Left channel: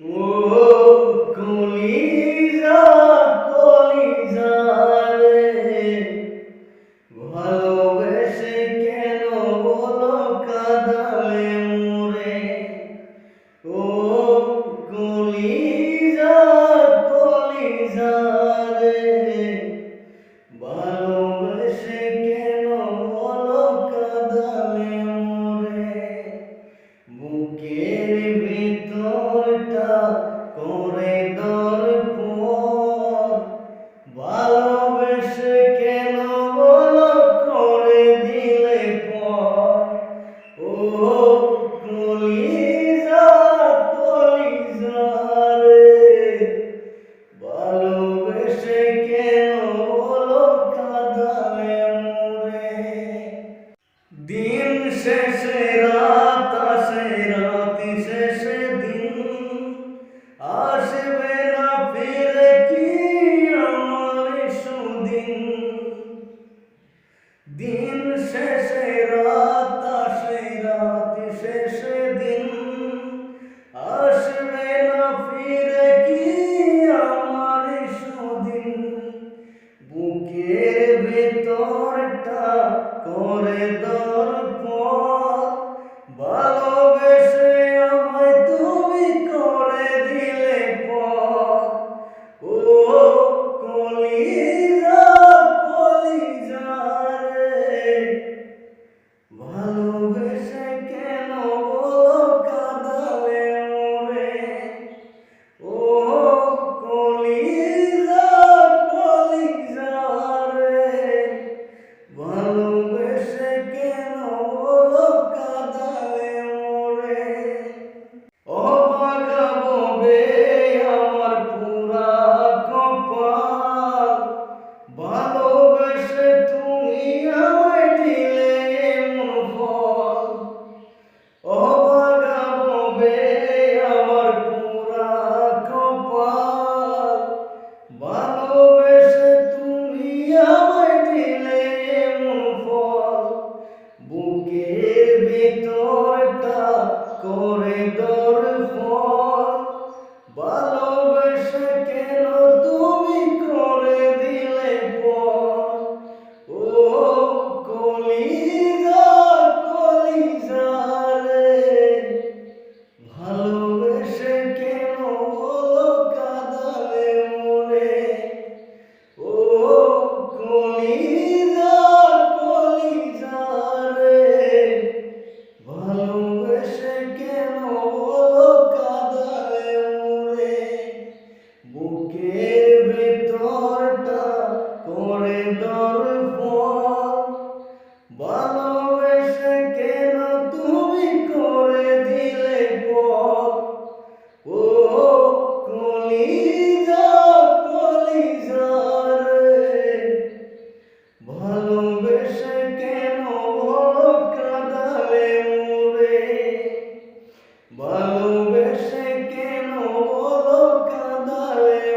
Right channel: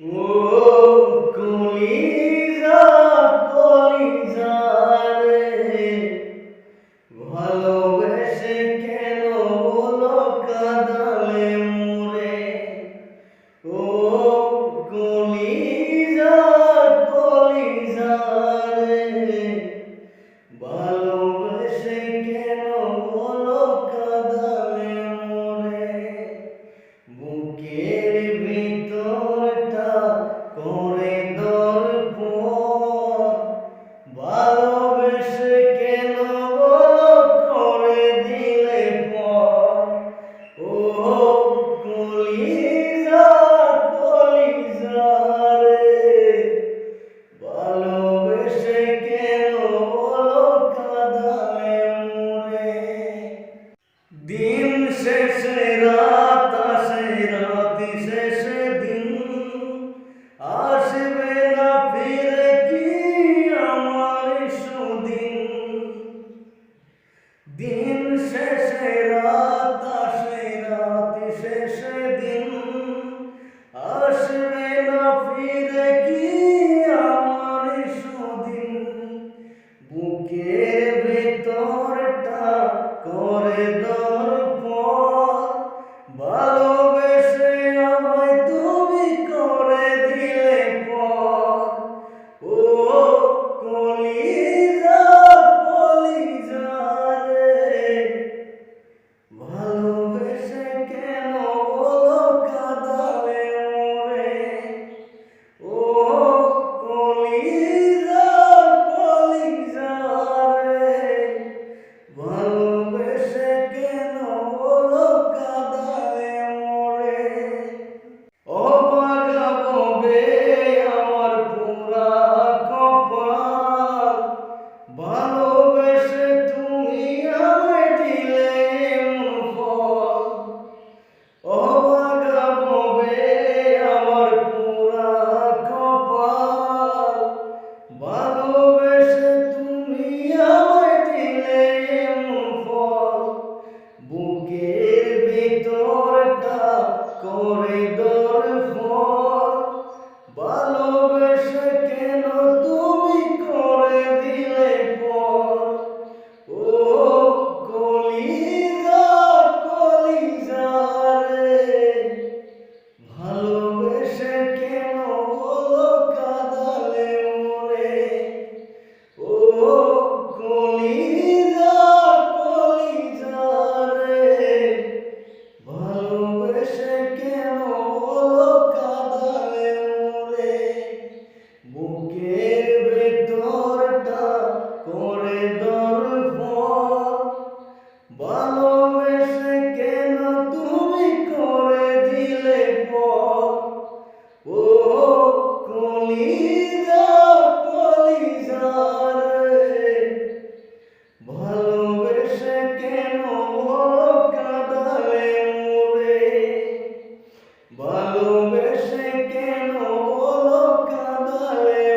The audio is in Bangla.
Oh, oh, poliza. দিন শেষে, রাত আসে, রাতি শেষে দিন। আসবে না ফিরে কি আমার সুদিন? দিন শেষে, রাত আসে, রাতি শেষে দিন। আসবে না ফিরে কি আমার সুদিন? বুকের ভেতরটা করে দাও। Senhor. ভালোবেসে কেন বলো কাঁদালে?